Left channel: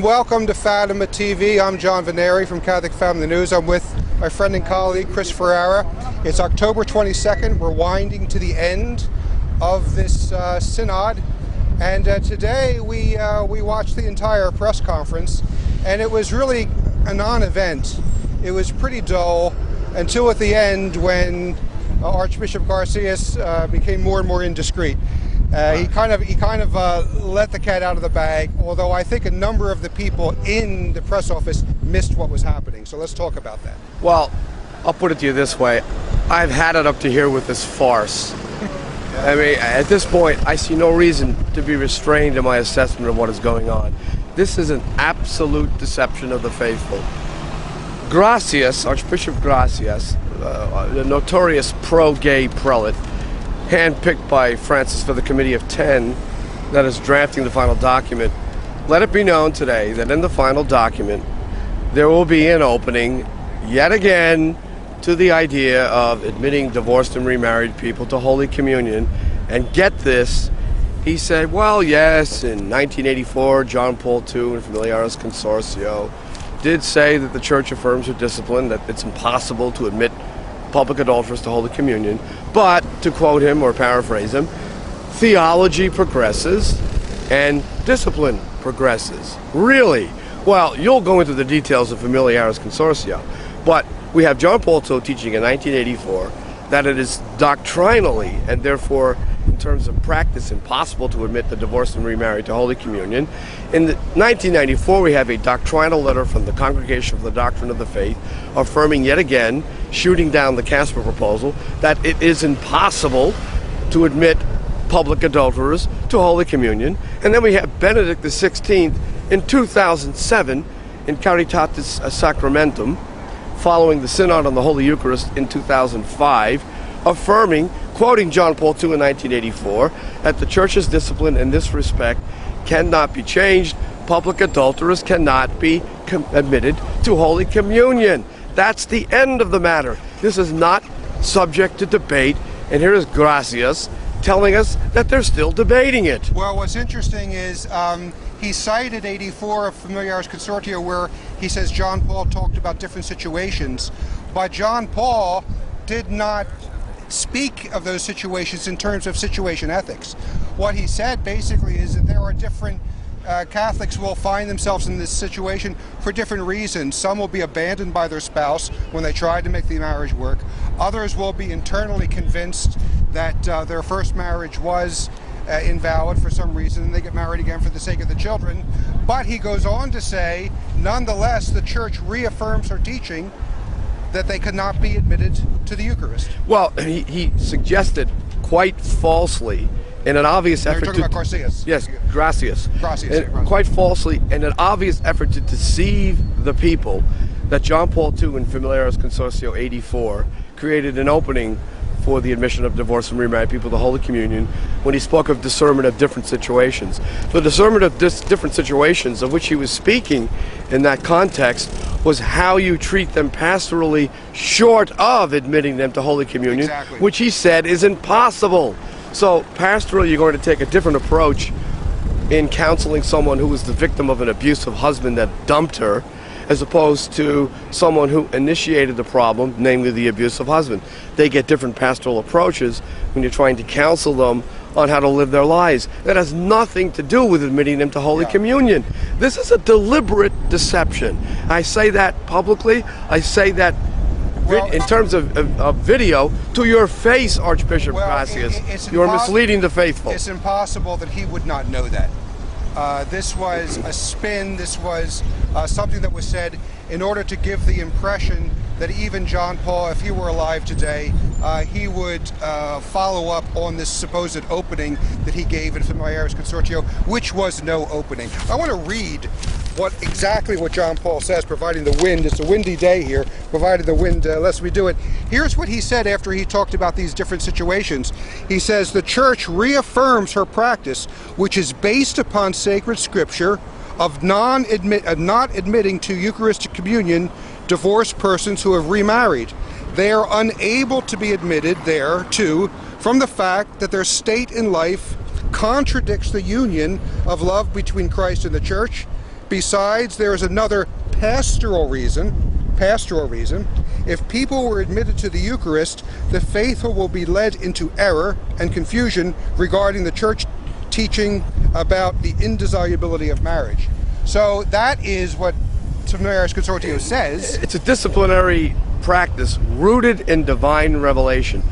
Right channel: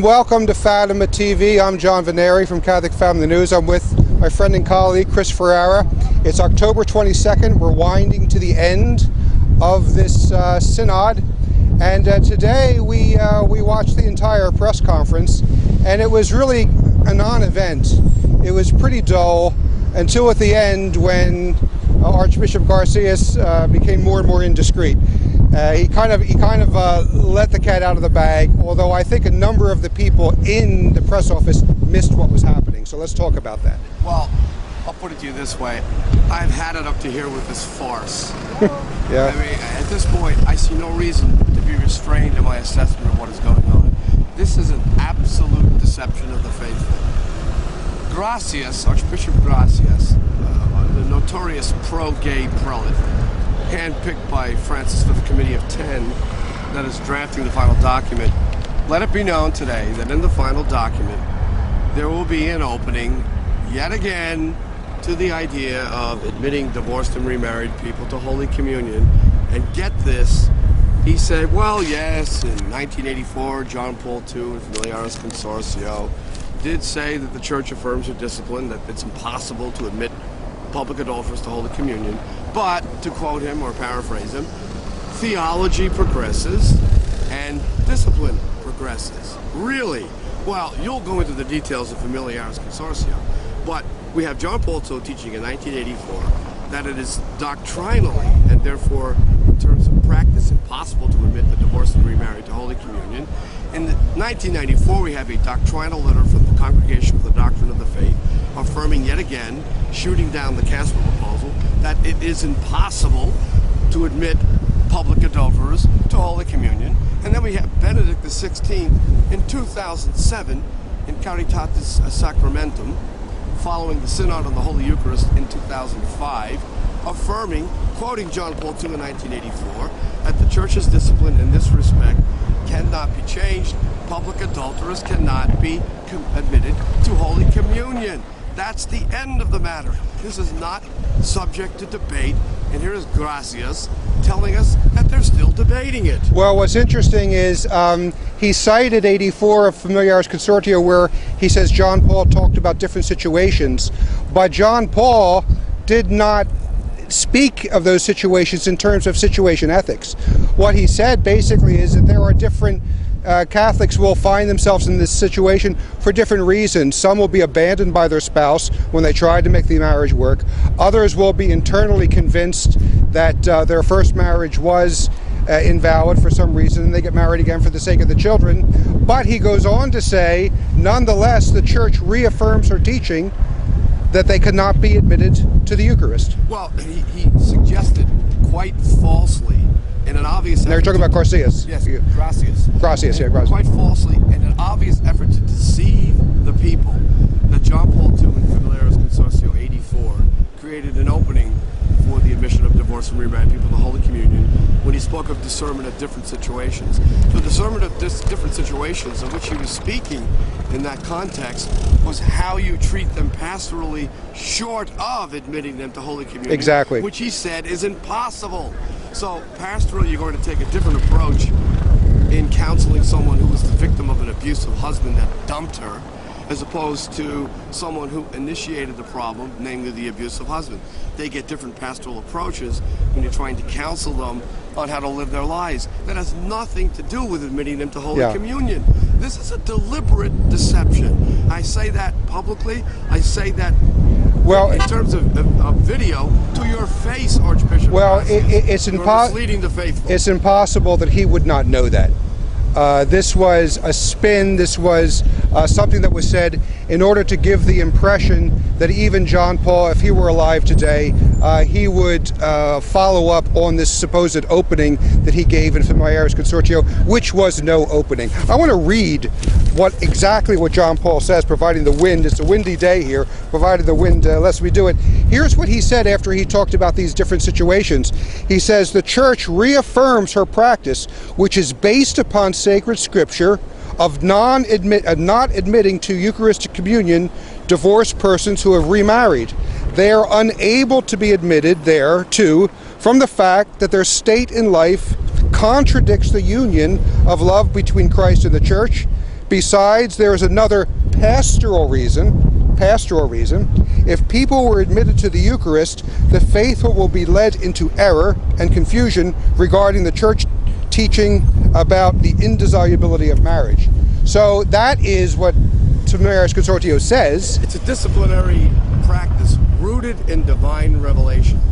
and welcome to Fatima TV. I'm John Vennari from Catholic Family News. I'm with my friend and colleague Chris Ferrara. It's October 22nd. We're winding to the end of this synod, and today we watched the entire press conference, and it was really a non-event. It was pretty dull until at the end when Archbishop Gracias became more and more indiscreet. He kind of let the cat out of the bag, although I think a number of the people in the press office missed what was happening. So let's talk about that. Well, I'll put it to you this way. I've had it up to here with this farce. Yeah. I mean, at this point, I see no reason to be restrained in my assessment of what is going on. This is an absolute deception of the faithful. Gracias, Archbishop Gracias, the notorious pro-gay prelate, handpicked by Francis for the Committee of 10 that is drafting the final document, let it be known today that in the final document there will be an opening yet again to the idea of admitting divorced and remarried people to Holy Communion. And get this, he said, well, yes, in 1984, John Paul II and Familiaris Consortio did say that the Church affirms her discipline, that it's impossible to admit public adulterers to Holy Communion. But, to quote him or paraphrase him, theology progresses and discipline progresses. Really? Well, you'll go into the details of Familiaris Consortio, but we have John Paul II teaching in 1984 that it is doctrinally and therefore in terms of practice impossible to admit the divorced and remarried to Holy Communion. In 1994 we have a doctrinal letter from the Congregation for the Doctrine of the Faith affirming yet again, shooting down the Casper proposal, that it is impossible to admit public adulterers to Holy Communion. And then we have Benedict XVI in 2007 in Caritatis Sacramentum, following the Synod on the Holy Eucharist in 2005, affirming, quoting John Paul II in 1984, that the Church's discipline in this respect cannot be changed. Public adulterers cannot be admitted to Holy Communion. That's the end of the matter. This is not subject to debate, and here is Gracias telling us that they're still debating it. Well, what's interesting is he cited 84 of Familiaris Consortio, where he says John Paul talked about different situations, but John Paul did not speak of those situations in terms of situation ethics. What he said basically is that there are different Catholics will find themselves in this situation for different reasons. Some will be abandoned by their spouse when they try to make the marriage work. Others will be internally convinced that their first marriage was invalid for some reason, and they get married again for the sake of the children. But he goes on to say, nonetheless, the Church reaffirms her teaching that they cannot be admitted to the Eucharist. Well, he suggested quite falsely, in an obvious effort. You're talking about Gracias. Yes, Gracias. Gracias, yeah, Gracias. Quite falsely, in an obvious effort to deceive the people, that John Paul II in Familiaris Consortio 84 created an opening for the admission of divorced and remarried people to Holy Communion when he spoke of discernment of different situations. The discernment of different situations of which he was speaking in that context was how you treat them pastorally short of admitting them to Holy Communion. Exactly. Which he said is impossible. So pastorally, you're going to take a different approach in counseling someone who was the victim of an abusive husband that dumped her, as opposed to someone who initiated the problem, namely the abusive husband. They get different pastoral approaches when you're trying to counsel them on how to live their lives. That has nothing to do with admitting them to Holy Communion. This is a deliberate deception. I say that publicly. I say that in terms of video, to your face, Archbishop Gracias. You're misleading the faithful. It's impossible that he would not know that. This was a spin. This was something that was said in order to give the impression that even John Paul, if he were alive today, he would follow up on this supposed opening that he gave in Familiaris Consortio, which was no opening. I want to read exactly what John Paul says, providing the wind. It's a windy day here, provided the wind lets me do it. Here's what he said after he talked about these different situations. He says, the Church reaffirms her practice, which is based upon sacred scripture, of not admitting to Eucharistic communion divorced persons who have remarried. They are unable to be admitted there, too, from the fact that their state in life contradicts the union of love between Christ and the Church, Besides, there is another pastoral reason. If people were admitted to the Eucharist, the faithful will be led into error and confusion regarding the church teaching about the indissolubility of marriage. So that is what Subversion Consortio says. It's a disciplinary practice rooted in divine revelation.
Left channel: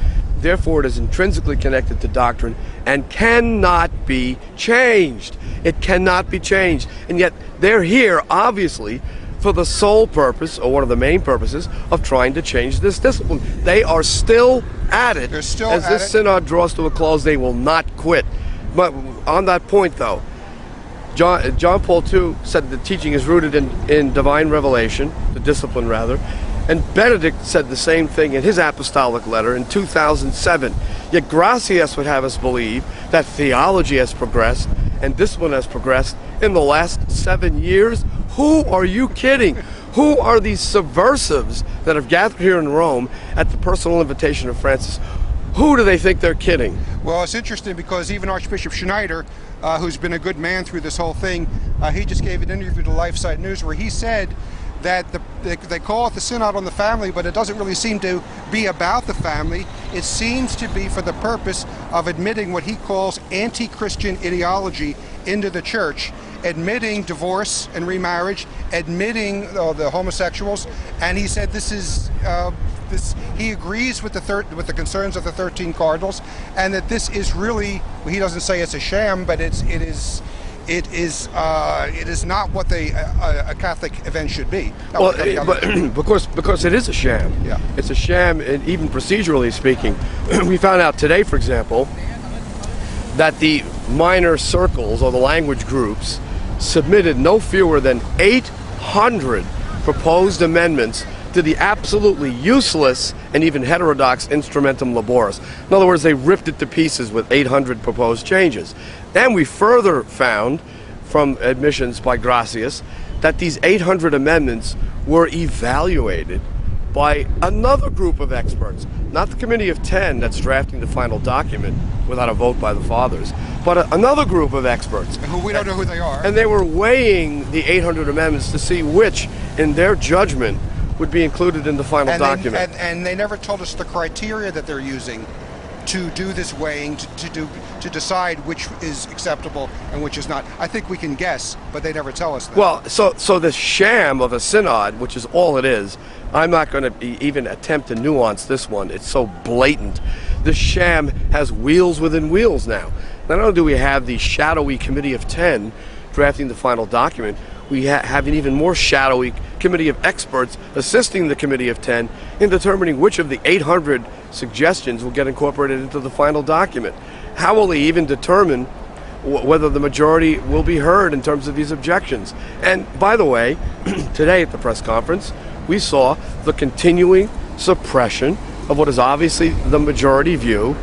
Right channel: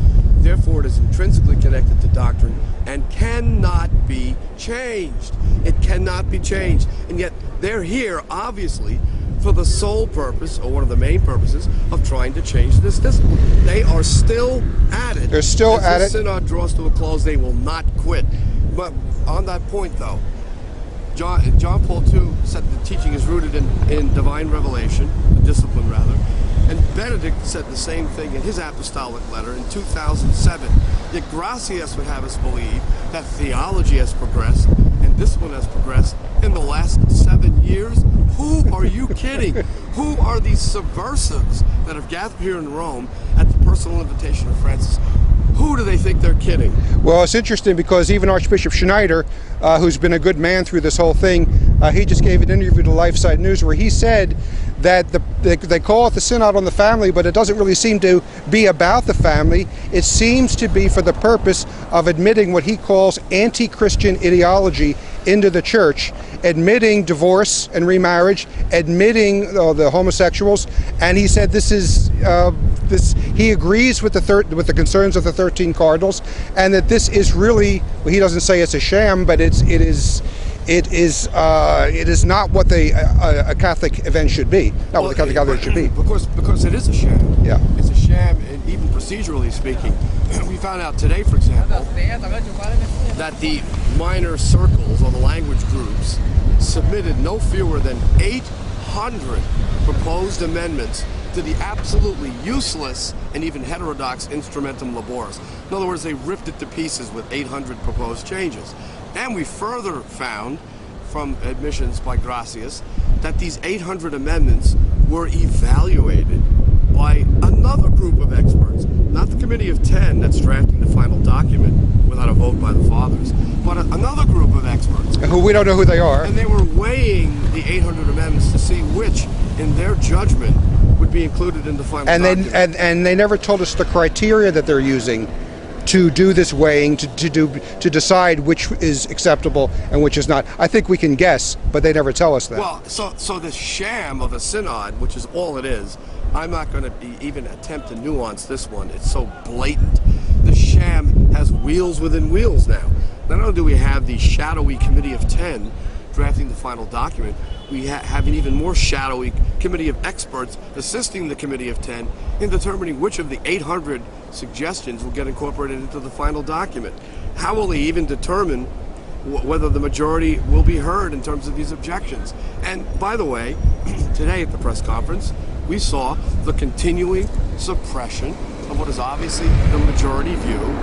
Therefore, it is intrinsically connected to doctrine and cannot be changed. It cannot be changed. And yet, they're here, obviously, for the sole purpose, or one of the main purposes, of trying to change this discipline. They are still at it. They're still at it. As this synod draws to a close, they will not quit. But on that point, though, John Paul II said the teaching is rooted in divine revelation, the discipline rather, and Benedict said the same thing in his apostolic letter in 2007. Yet Gracias would have us believe that theology has progressed and discipline has progressed in the last 7 years. Who are you kidding? Who are these subversives that have gathered here in Rome at the personal invitation of Francis? Who do they think they're kidding? Well, it's interesting because even Archbishop Schneider, who's been a good man through this whole thing, he just gave an interview to LifeSite News where he said that they call it the Synod on the Family, but it doesn't really seem to be about the family. It seems to be for the purpose of admitting what he calls anti-Christian ideology into the church, admitting divorce and remarriage, admitting the homosexuals, and he said this is he agrees with the concerns of the 13 cardinals, and that this is really, well, he doesn't say it's a sham, but it is not what a Catholic event should be. Not what a Catholic event should be. Because it is a sham. Yeah, it's a sham, and even procedurally speaking, we found out today, for example, that the minor circles or the language groups submitted no fewer than 800 proposed amendments to the absolutely useless and even heterodox Instrumentum Laboris. In other words, they ripped it to pieces with 800 proposed changes. And we further found from admissions by Gracias that these 800 amendments were evaluated by another group of experts, not the Committee of 10 that's drafting the final document without a vote by the fathers, but another group of experts. Who we don't know who they are. And they were weighing the 800 amendments to see which, in their judgment, would be included in the final document. And they never told us the criteria that they're using to do this weighing, to decide which is acceptable and which is not. I think we can guess, but they never tell us that. Well, so the sham of a synod, which is all it is, I'm not going to even attempt to nuance this one. It's so blatant. The sham has wheels within wheels now. Not only do we have the shadowy Committee of 10 drafting the final document, we have an even more shadowy committee of experts assisting the Committee of 10 in determining which of the 800 suggestions will get incorporated into the final document. How will they even determine whether the majority will be heard in terms of these objections? And by the way, today at the press conference, we saw the continuing suppression of what is obviously the majority view,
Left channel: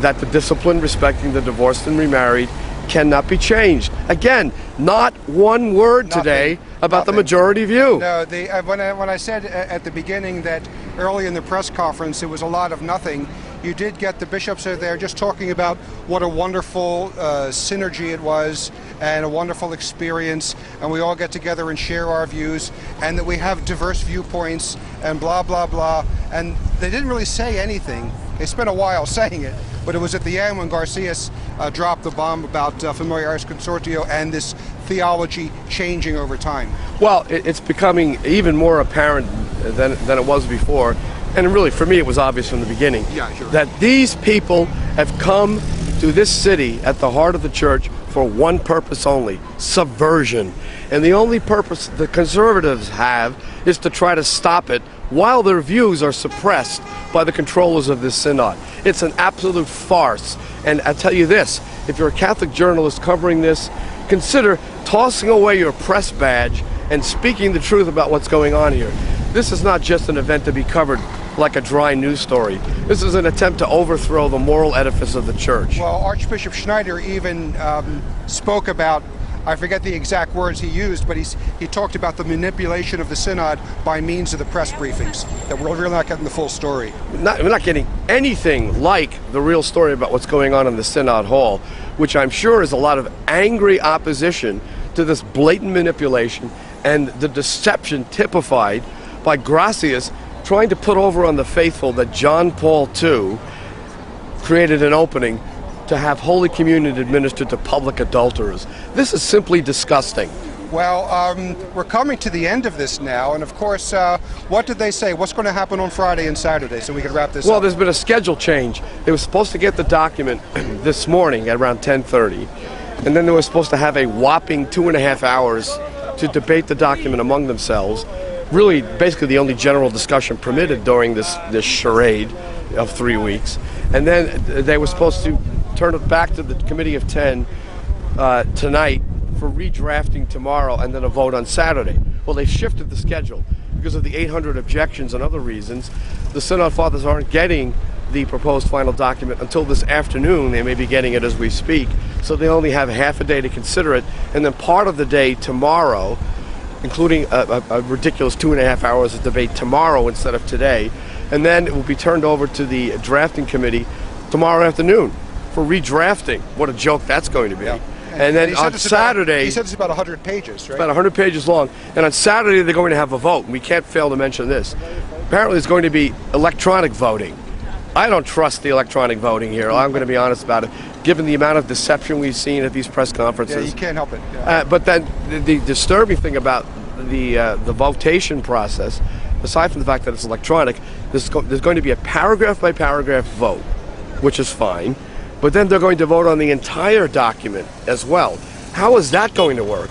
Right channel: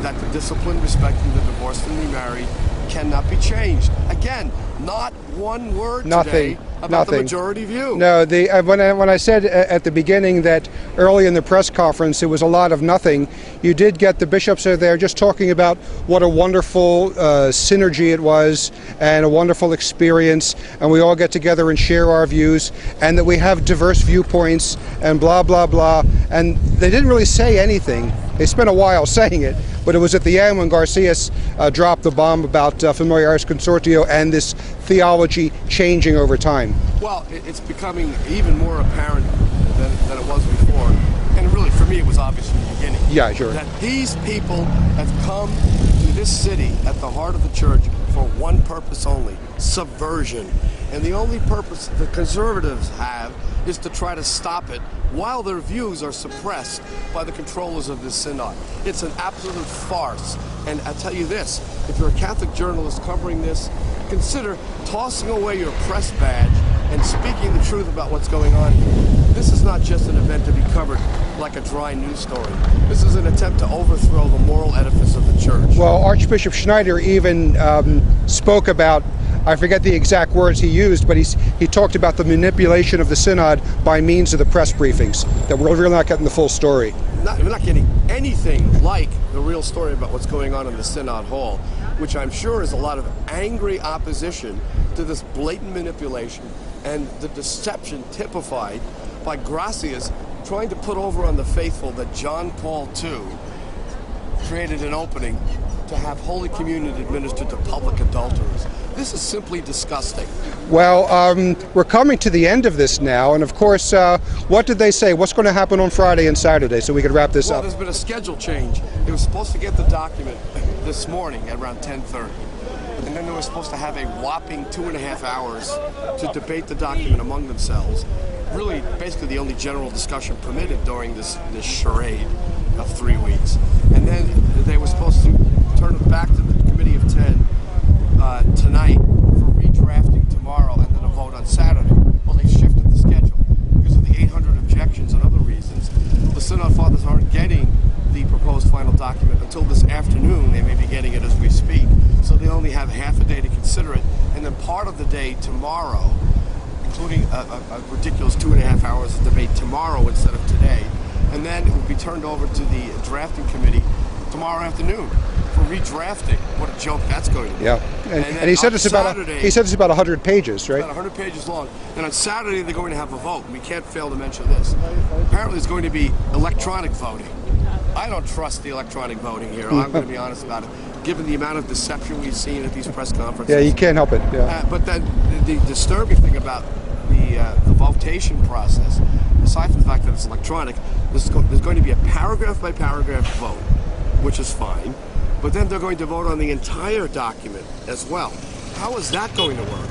that the discipline respecting the divorced and remarried cannot be changed. Again, not one word today about the majority view. No, when I said at the beginning that early in the press conference it was a lot of nothing, you did get the bishops are there just talking about what a wonderful synergy it was and a wonderful experience, and we all get together and share our views, and that we have diverse viewpoints and blah blah blah. And they didn't really say anything. They spent a while saying it, but it was at the end when Garcias dropped the bomb about Familiaris Consortio and this theology changing over time. Well, it's becoming even more apparent than it was before, and really for me it was obvious from the beginning. Yeah, sure. That these people have come to this city at the heart of the church for one purpose only: subversion. And the only purpose the conservatives have is to try to stop it while their views are suppressed by the controllers of this synod. It's an absolute farce. And I tell you this, if you're a Catholic journalist covering this, consider tossing away your press badge and speaking the truth about what's going on here. This is not just an event to be covered like a dry news story. This is an attempt to overthrow the moral edifice of the church. Well, Archbishop Schneider even spoke about, I forget the exact words he used, but he talked about the manipulation of the synod by means of the press briefings, that we're really not getting the full story. We're not getting anything like the real story about what's going on in the synod hall, which I'm sure is a lot of angry opposition to this blatant manipulation and the deception typified by Gracias trying to put over on the faithful that John Paul II created an opening to have Holy Communion administered to public adulterers. This is simply disgusting. Well, we're coming to the end of this now, and of course, what did they say? What's going to happen on Friday and Saturday, so we can wrap this up? Well, there's been a schedule change. They were supposed to get the document this morning at around 10:30, and then they were supposed to have a whopping 2.5 hours to debate the document among themselves. Really, basically the only general discussion permitted during this charade of 3 weeks. And then they were supposed to turn it back to the Committee of 10 tonight for redrafting tomorrow and then a vote on Saturday. Well, they shifted the schedule because of the 800 objections and other reasons. The Synod Fathers aren't getting the proposed final document until this afternoon. They may be getting it as we speak. So they only have half a day to consider it, and then part of the day tomorrow, including a ridiculous 2.5 hours of debate tomorrow instead of today. And then it will be turned over to the drafting committee tomorrow afternoon for redrafting. What a joke that's going to be. Yeah. And then he said on Saturday... he said it's about 100 pages, right? It's about 100 pages long. And on Saturday, they're going to have a vote. And we can't fail to mention this. Apparently, it's going to be electronic voting. I don't trust the electronic voting here. I'm going to be honest about it, given the amount of deception we've seen at these press conferences. Yeah, you can't help it. Yeah. But then the disturbing thing about the votation process, aside from the fact that it's electronic, there's going to be a paragraph-by-paragraph vote, which is fine. But then they're going to vote on the entire document as well. How is that going to work?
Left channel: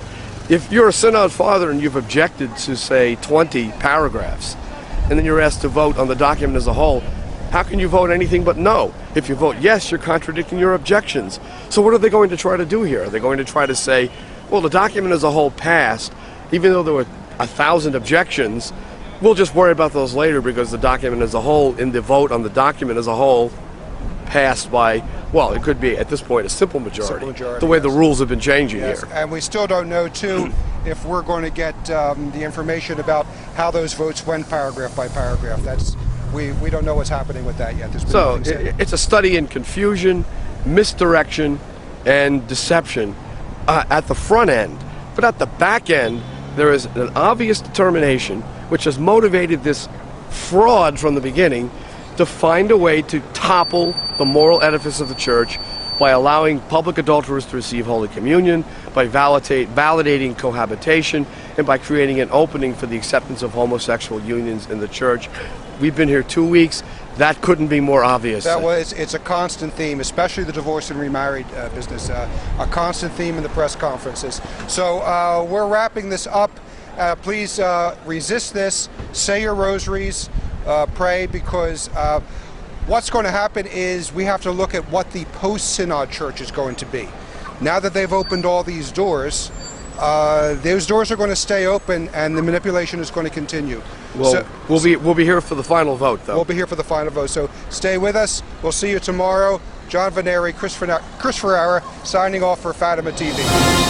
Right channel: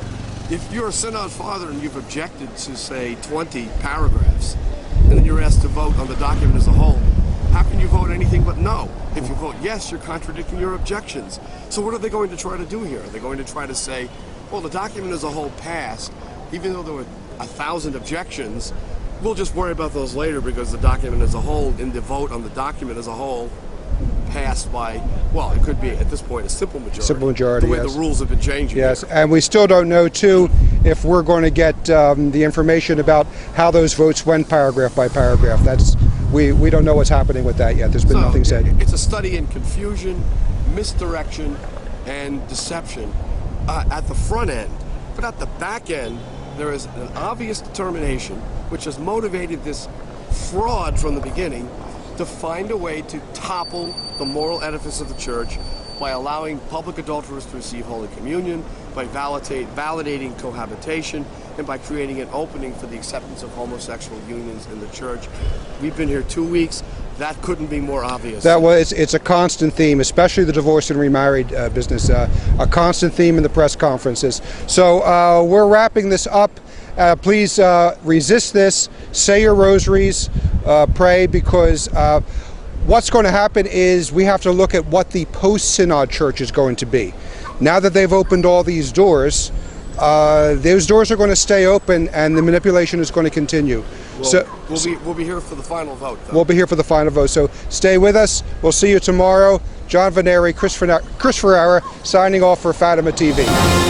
If you're a Synod Father and you've objected to, say, 20 paragraphs, and then you're asked to vote on the document as a whole, how can you vote anything but no? If you vote yes, you're contradicting your objections. So what are they going to try to do here? Are they going to try to say, well, the document as a whole passed, even though there were 1,000 objections, we'll just worry about those later because the document as a whole, in the vote on the document as a whole, passed by, well, it could be at this point a simple majority. Simple majority, the way yes. the rules have been changing Yes, here. and we still don't know, too, if we're going to get the information about how those votes went paragraph by paragraph. We don't know what's happening with that yet. There's been nothing said. It's a study in confusion, misdirection, and deception at the front end. But at the back end, there is an obvious determination which has motivated this fraud from the beginning to find a way to topple the moral edifice of the church by allowing public adulterers to receive Holy Communion, by validating cohabitation, and by creating an opening for the acceptance of homosexual unions in the church. We've been here 2 weeks. That couldn't be more obvious. It's a constant theme, especially the divorced and remarried business, a constant theme in the press conferences. So we're wrapping this up. Please resist this, say your rosaries, pray, because what's going to happen is we have to look at what the post-synod church is going to be. Now that they've opened all these doors, those doors are going to stay open and the manipulation is going to continue. Well, we'll be here for the final vote, though. We'll be here for the final vote, so stay with us. We'll see you tomorrow. John Vennari, Chris Ferrara, signing off for Fatima TV.